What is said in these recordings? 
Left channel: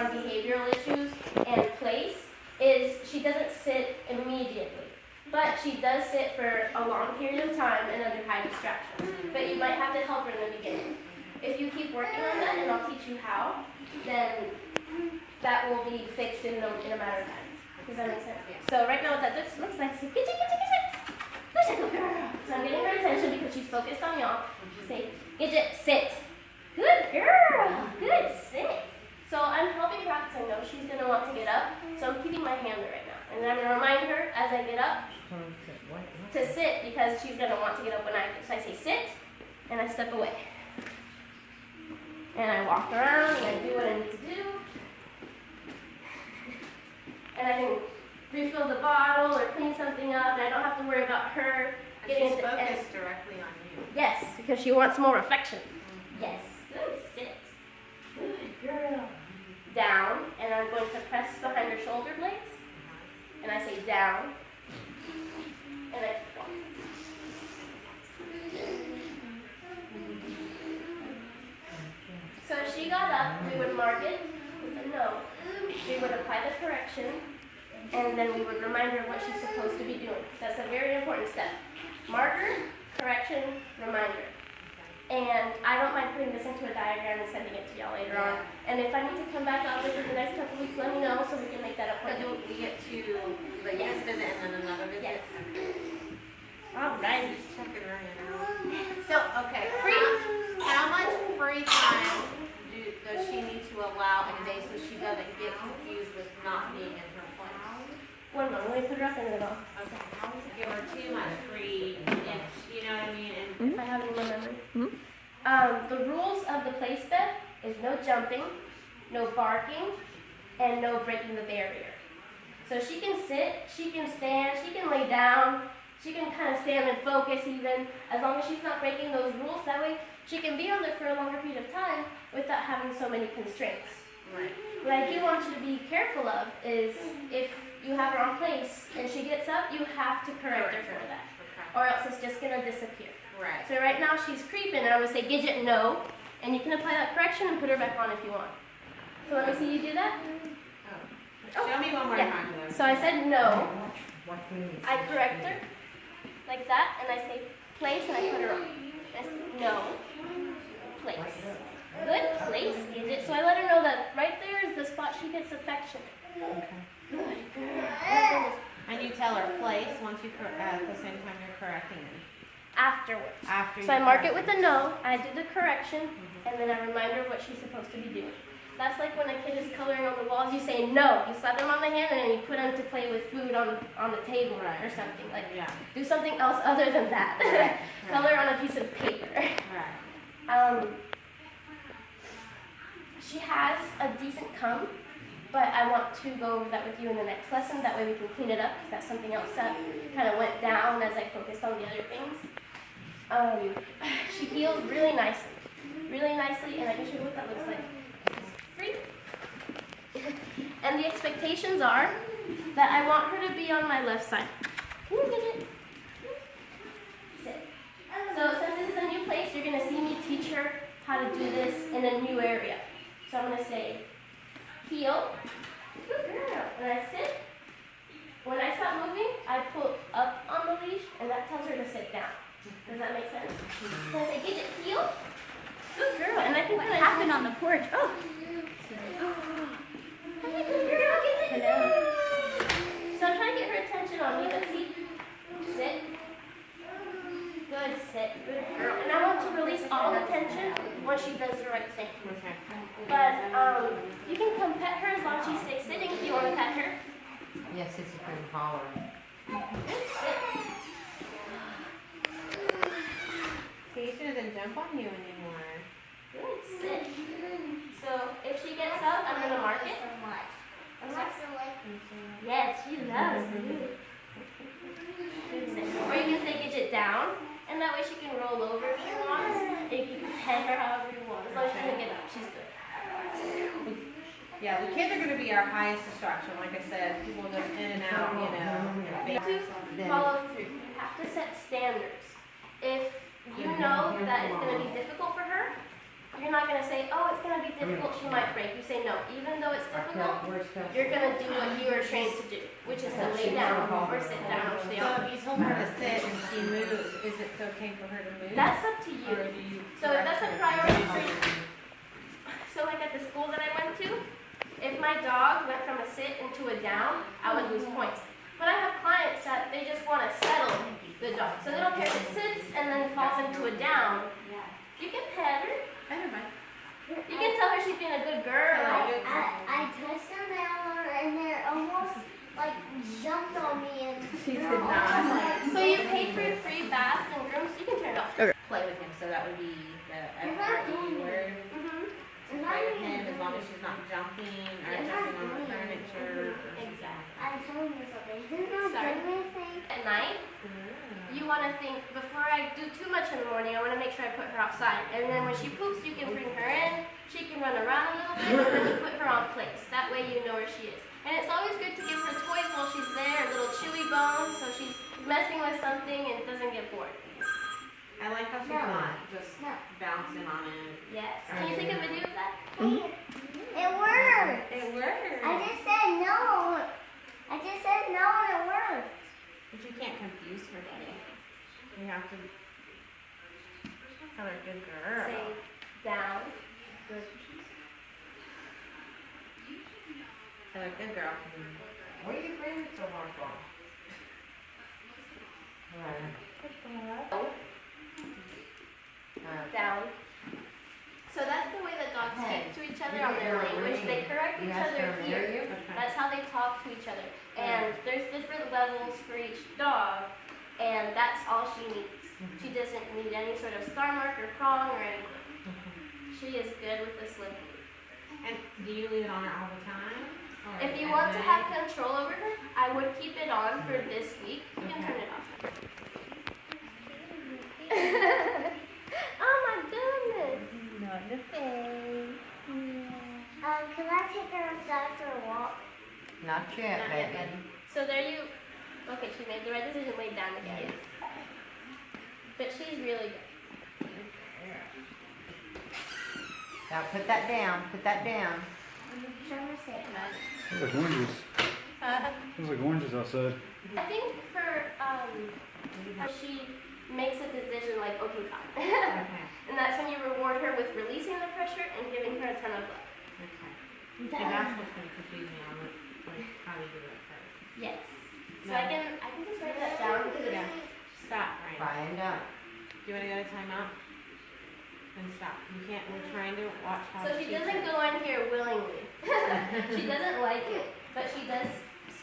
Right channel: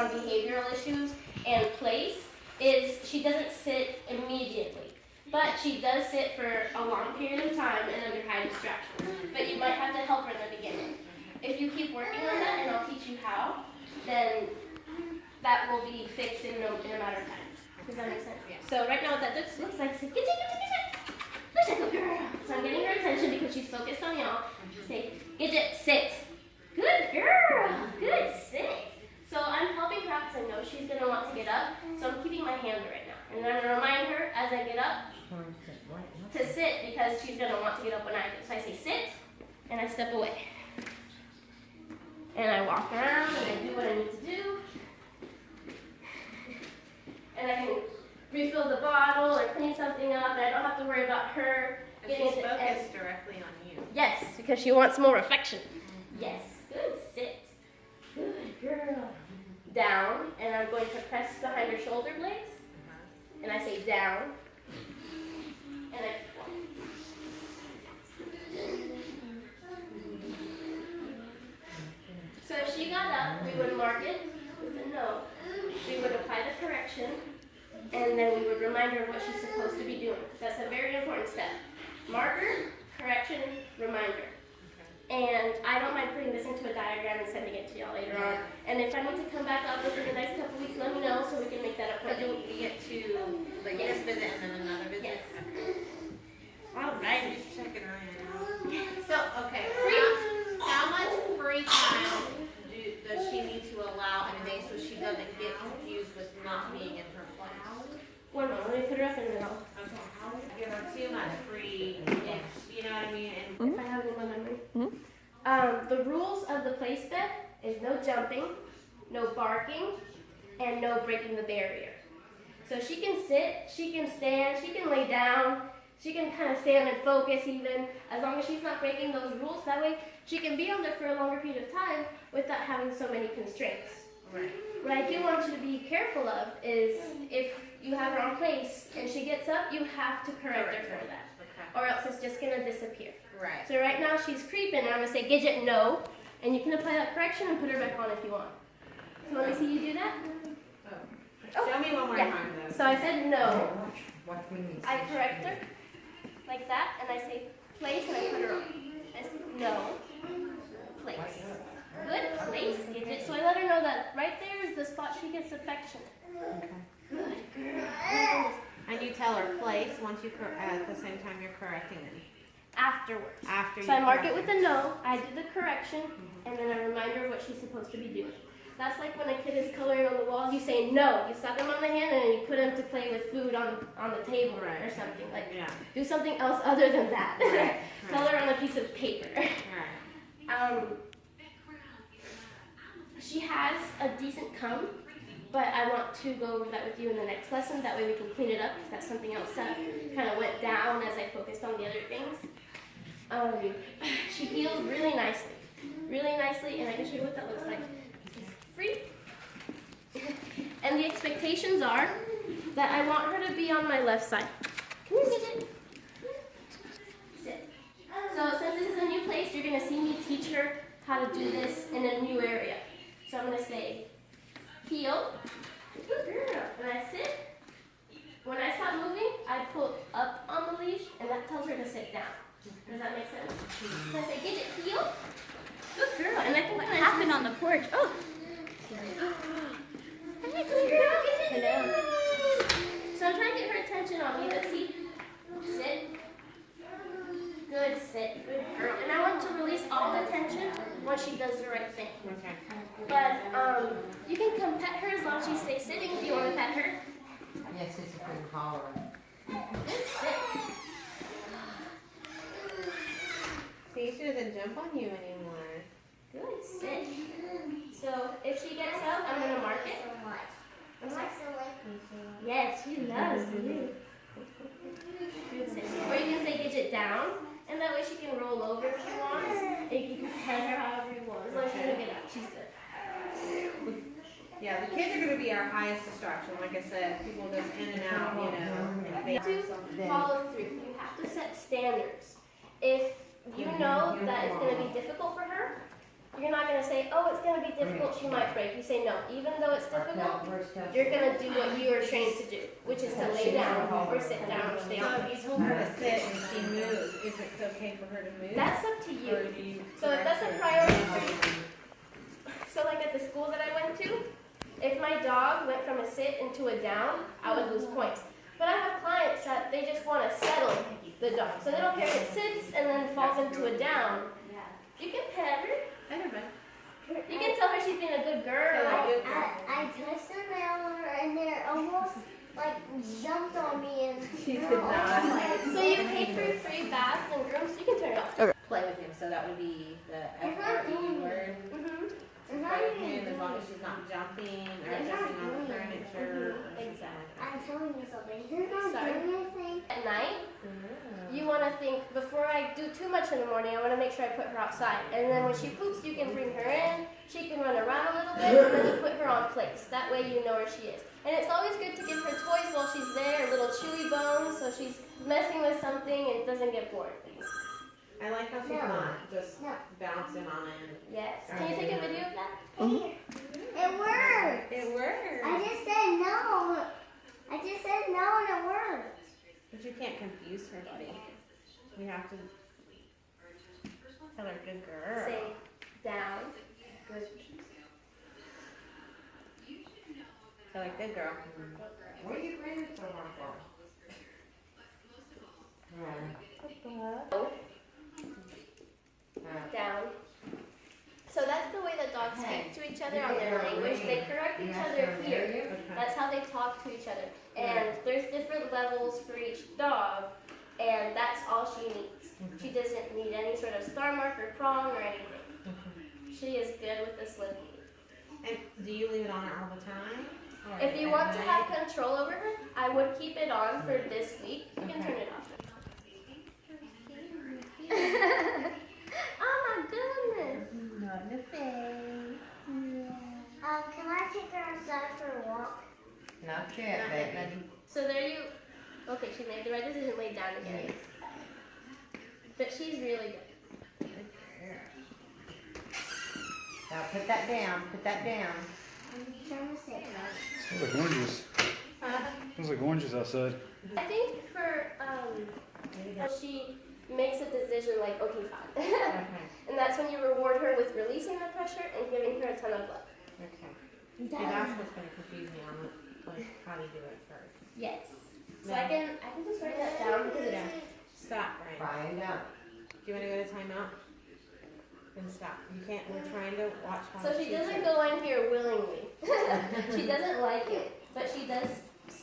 on behavioral issues and place is she doesn't sit immediately, but she does sit for a long period of time and under high distraction. But you might have to help her in the beginning. If you keep working on that, and I'll teach you how, then that will be fixed in a matter of time. Does that make sense? Yeah. So right now what that looks like is Gidget, good girl. So I'm getting her attention because she's focused on y'all. Say, Gidget, sit. Good girl. Good, sit. So I'm helping her because I know she's going to want to get up. So I'm keeping my hand there right now. And then I'm going to remind her as I get up to sit because she's going to want to get up when I do. So I say sit, and I step away. And I walk around and I do what I need to do. And I can refill the bottle or clean something up, and I don't have to worry about her getting she's focused directly on you. Yes, because she wants more affection. Yes. Good, sit. Good girl. Down, and I'm going to press behind her shoulder blades. And I say down. And I walk. So if she got up, we would mark it with a no. We would apply the correction, and then we would remind her what she's supposed to be doing. That's a very important step. Marker, correction, reminder. And I don't mind putting this into a diagram and sending it to y'all later on. And if I need to come back out within the next couple weeks, let me know so we can make that appointment. So you'll get to the yes visit and then another visit? Yes. Okay. All right, just checking right now. So, okay. How much free time does she need to allow in a day so she doesn't get confused with not being in her place? One moment, let me put her up in the middle. Okay. Give her too much free, you know what I mean? And if I have any more memory. The rules of the play step is no jumping, no barking, and no breaking the barrier. So she can sit, she can stand, she can lay down, she can kind of stand and focus even, as long as she's not breaking those rules. That way she can be on there for a longer period of time without having so many constraints. Right. What I do want you to be careful of is if you have her on place and she gets up, you have to correct her for that. Okay. Or else it's just going to disappear. Right. So right now she's creeping, and I'm going to say, Gidget, no. And you can apply that correction and put her back on if you want. So let me see you do that. Oh. Show me one more time. So I said no. I correct her like that, and I say place, and I put her on. I say no, place. Good, place, Gidget. So I let her know that right there is the spot she gets affection. Okay. Good girl. And you tell her place once you at the same time you're correcting it. Afterwards. After so I mark it with a no, I do the correction, and then I remind her what she's supposed to be doing. That's like when a kid is coloring on the walls, you say no. You slap them on the hand, and then you put them to play with food on the table or something. Like, do something else other than that. Right. Color on a piece of paper. Right. She has a decent cum, but I want to go over that with you in the next lesson. That way we can clean it up, because that's something else that kind of went down as I focused on the other things. She feels really nicely, and I can show you what that looks like. Free. And the expectations are that I want her to be on my left side. Sit. So since this is a new place, you're going to see me teach her how to do this in a new area. So I'm going to say, heel. Good girl. When I sit, when I stop moving, I pull up on the leash, and that tells her to sit down. Does that make sense? So I say, Gidget, heel. Good girl. And I can what happened on the porch? Oh. Hi, good girl. Hello. So I'm trying to get her attention on me. Let's see. Sit. Good, sit. Good girl. And I want to release all the tension once she does the right thing. Okay. But you can come pet her as long as she stays sitting if you want to pet her. Yes, it's a pretty hollering. Good, sit. See, she doesn't jump on you anymore. Good, sit. So if she gets up, I'm going to mark it. I'm sorry? Yes, she loves you. Good, sit. Or you can say Gidget down, and that way she can roll over if she wants. And you can pet her however you want. As long as she doesn't get up, she's good. Yeah, the kids are going to be our highest distraction. Like I said, people just in and out, You have to follow through. You have to set standards. If you know that it's going to be difficult for her, you're not gonna say, oh, it's gonna be difficult, she might break. You say, no, even though it's difficult, you're gonna do what you are trained to do, which is to lay down or sit down or stay So on. if you told her to sit and she moves, is it okay for her to move? That's up to Or you. do you So if that's a priority for you, so like at the school that I went to, if my dog went from a sit into a down, I would lose points. But I have clients that they just want to settle the dog. So they don't care if it sits and then falls into a down. You can pet her. I don't mind. You can tell her she's being a good girl. I touched them and they almost like jumped on me and She did not. So you paid for your free bath and grooms, you can turn it off. Play with him, so that would be the F-R-E word. Mm-hmm. Play with him as long as she's not jumping or jumping on the furniture. Exactly. I'm telling you something. He's not Sorry. doing anything. At night, you want to think, before I do too much in the morning, I want to make sure I put her outside. And then when she poops, you can bring her in. She can run around a little bit, and then you put her on place. That way you know where she is. And it's always good to give her toys while she's there, little chewy bones, so she's messing with something and doesn't get bored. I like how she's not just bouncing on it. Yes. Can you take a video of that? It worked. It works. I just said no. I just said no and it worked. But you can't confuse her, buddy. You have to tell her good girl. Say down. Good. Tell her good girl. What are you breathing so hard for? Down. So that's the way that dogs speak to each other on their language. They correct each other here. Okay. That's how they talk to each other. And there's different levels for each dog, and that's all she needs. She doesn't need any sort of star mark or prong or anything. She is good with this lip. And do you leave it on her all the time? Or If you at want to night? have control over her, I would keep it on for this week. You can turn it off. Oh my goodness. Not the face. Can I take her outside for a walk? Not yet, baby. So there you, okay, she made the right decision, laid down again. But she's really good. Now put that down, put that down. Smells like oranges. Smells like oranges outside. I think for she makes a decision like, okay, fine. Okay. And that's when you reward her with releasing the pressure and giving her a ton of love. Okay. See, that's what's going to confuse me on it. Like, how do you do it first? Yes. So I can just write that down because Yeah. it's, Stop, Ryan. Brian, down. Do you want to go to timeout? Then stop. You can't, we're trying to watch how so she doesn't go in here willingly. She doesn't like it, but she does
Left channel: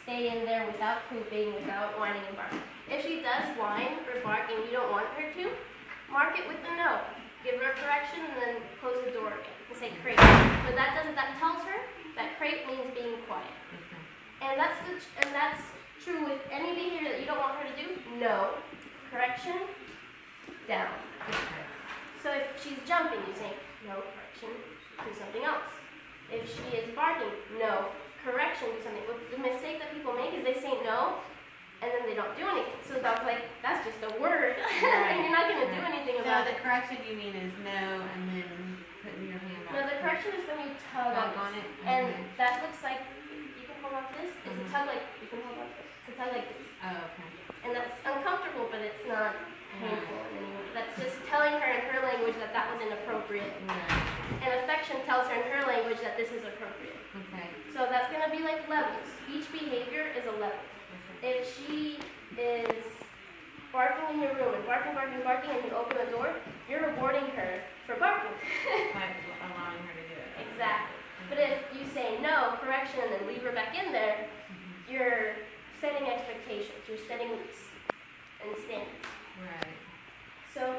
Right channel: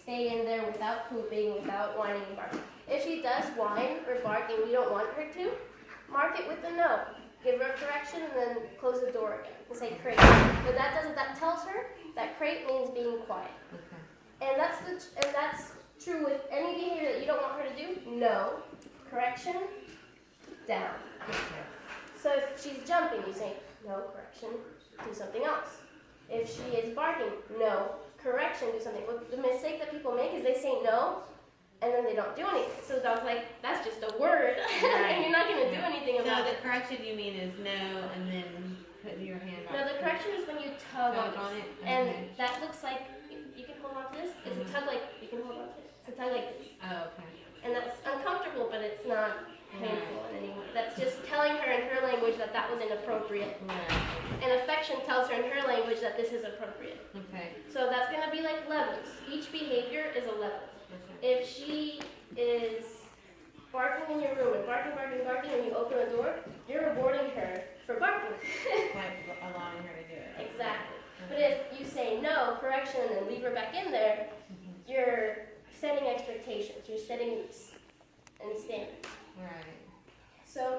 stay in there without pooping, without whining and barking. If she does whine or bark and you don't want her to, mark it with a no. Give her a correction and then close the door again and say crate. But that tells her that crate means being quiet. Okay. And that's true with any behavior that you don't want her to do. No. Correction. Down. So if she's jumping, you say no, correction, do something else. If she is barking, no, correction, do something. Well, the mistake that people make is they say no, and then they don't do anything. So the dog's like, that's just a word, and you're not going to do anything So about the it. correction you mean is no, and then putting your hand No, back. the correction is when you tug Tug on on it. it. And Okay. that looks like, you can hold on to this. It's a tug like, you can hold on to it. It's a tug like this. Oh, okay. And that's uncomfortable, but it's not painful in any way. That's just telling her in her language that that was inappropriate. Right. And affection tells her in her language that this is appropriate. Okay. So that's going to be like levels. Each behavior is a level. Okay. If she is barking in your room and barking, and you open the door, you're rewarding her for barking. Like allowing her to do it. Exactly. But if you say no, correction, and then leave her back in there, you're setting expectations. You're setting and standards. Right. So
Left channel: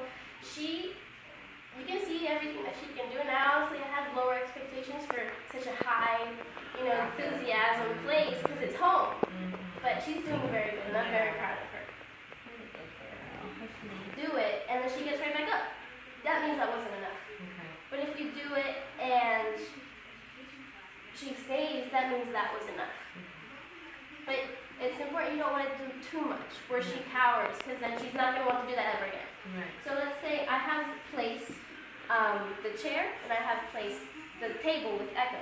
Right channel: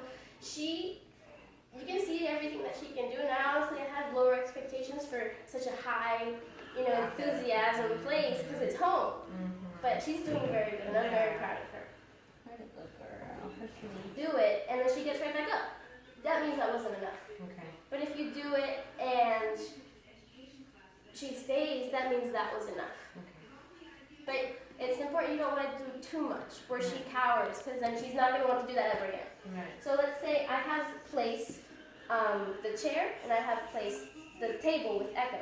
you can see everything that she can do now. So you have lower expectations for such a high, enthusiasm place because it's home. But she's doing very good, and I'm very proud of her. Do it, and then she gets right back up. That means that wasn't enough. Okay. But if you do it and she stays, that means that was enough. But it's important you don't want to do too much, where she cowers, because then she's not going to want to do that ever again. Right. So let's say I have place, the chair, and I have placed the table with Echo.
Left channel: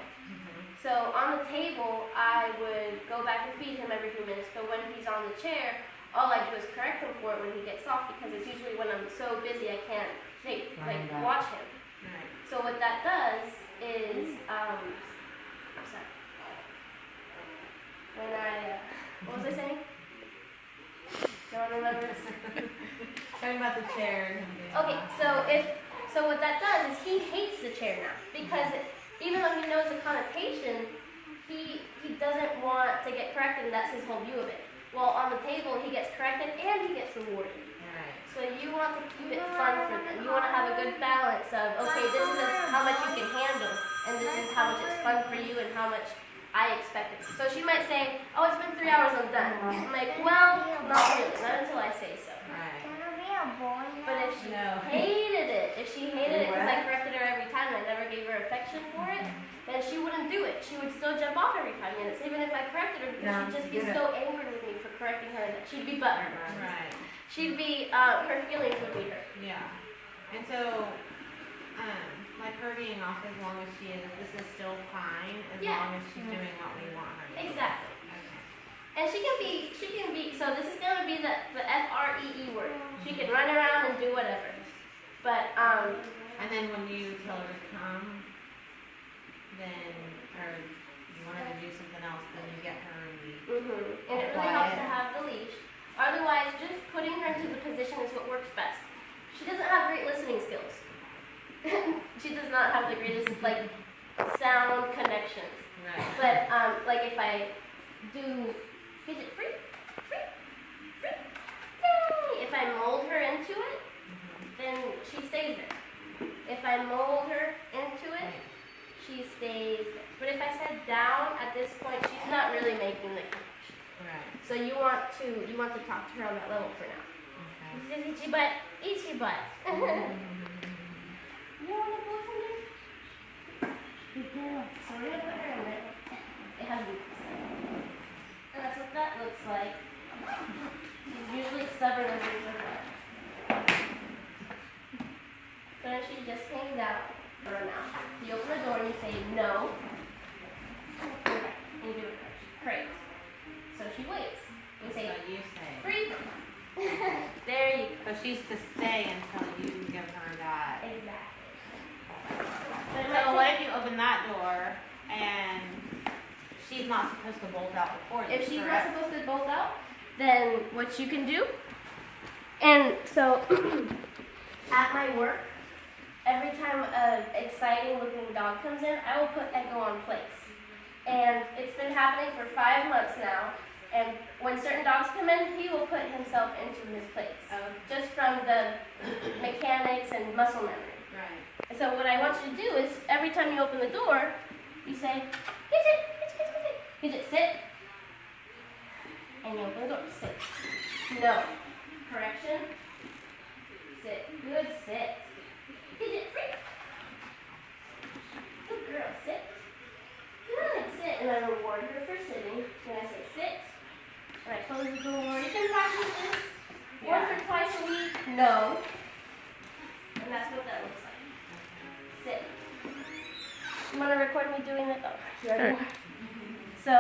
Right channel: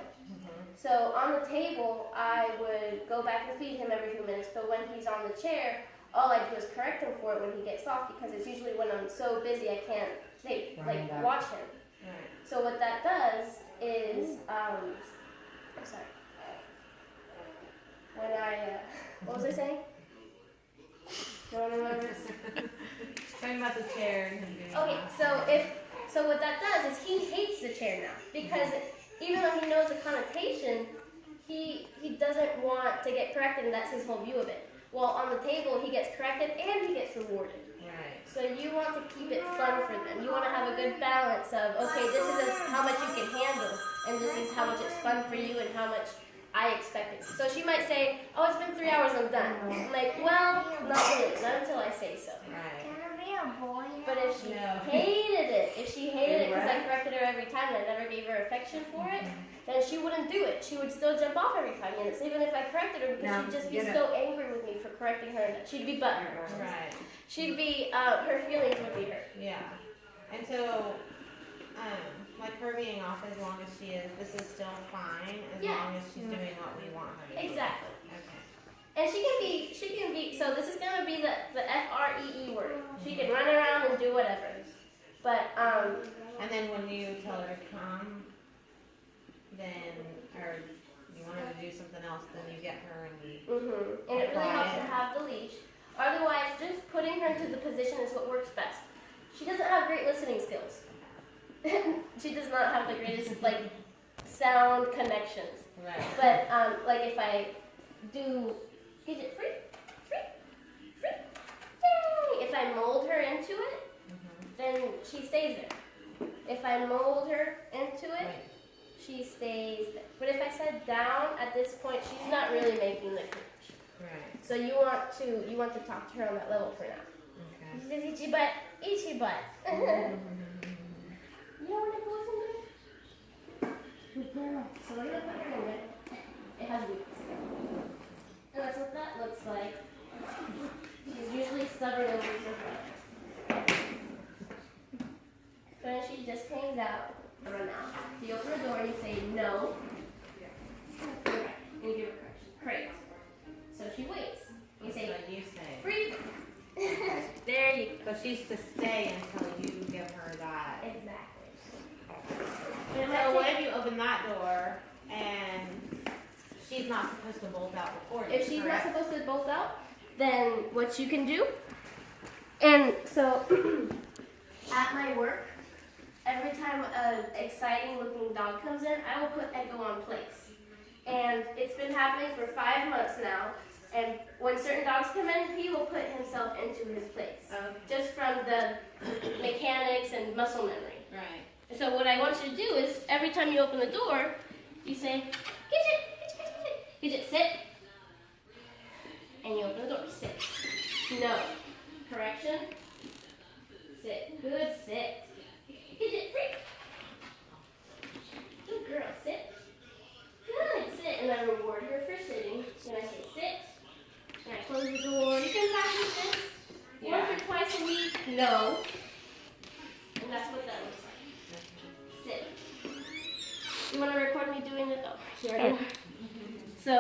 So on the table, I would go back and feed him every few minutes, but when he's on the chair, all I do is correct him for it when he gets off, because it's usually when I'm so busy I can't watch him. Right. So what that does is, sorry. When I, what was I saying? No one remembers? Talking about the chair. Okay, so what that does is he hates the chair now, because even though he knows the connotation, he doesn't want to get corrected, and that's his whole view of it. Well, on the table, he gets corrected and he gets rewarded. Right. So you want to keep it fun for them. You want to have a good balance of, okay, this is how much you can handle, and this is how much it's fun for you and how much I expect it. So she might say, oh, it's been 3 hours, I'm done. I'm like, well, not really, not until I say so. Right. Can I be a boy now? But if she hated it because I corrected her every time and I never gave her affection for it, then she wouldn't do it. She would still jump off every 5 minutes, even if I corrected her, because she'd just be so angry with me for correcting her. And she'd be butthurt. Right. She'd be, her feelings would be hurt. Yeah. And so, like her being off as long as she is, this is still fine as long as she's doing what we want her to do. Exactly. Okay. And she can be, so this is going to be the FREE word. She can run around and do whatever. But, And then when you tell her to come, then, or you want her to do something else, then you get her and we. And it really helps to have the leash. Otherwise, just putting her into the position is what works best. She doesn't have great listening skills. She does not have the greatest, sound connections. Right. But, if I do Gidget free, if I mold her into it, then she stays there. If I mold her into it, she stays there. But if I said down at this point, she's not really making the connection. Right. So you want to talk to her on that level for now. Okay. She says, itchy butt. You want to go somewhere? So we're gonna put her in there. It has roots. And that's what that looks like. She's usually stubborn as this with that. So then she just hangs out or run out. So you open the door and you say no. Okay. And you give her praise. So she waits. You say, So you say. free. There you go. So she's to stay until you give her that. Exactly. But it might So what take- if you open that door and she's not supposed to bolt out before you? if she's not correct? supposed to bolt out, then what you can do, and so at my work, every time an exciting looking dog comes in, I will put Echo on place. And it's been happening for 5 months now. And when certain dogs come in, he will put himself into his place. Just from the mechanics and muscle memory. Right. And so what I want you to do is, every time you open the door, you say, Gidget, Gidget, Gidget, Gidget, sit. And you open the door, sit. No. Correction. Sit. Good, sit. Gidget, free. Good girl, sit. Good, sit. And I reward her for sitting. And I say, sit. And I close the door. You can practice this once or twice a week. No. And that's what that looks like. Sit. You want to record me doing it? Oh, sure. So,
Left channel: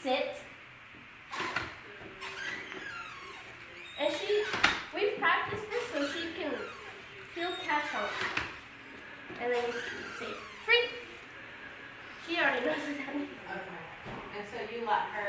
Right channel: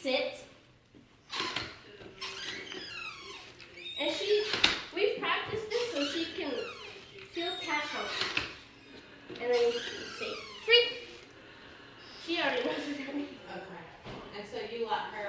sit. And we've practiced this so she'll catch on. And then we say, free. She already knows what that means. Okay. And so you let her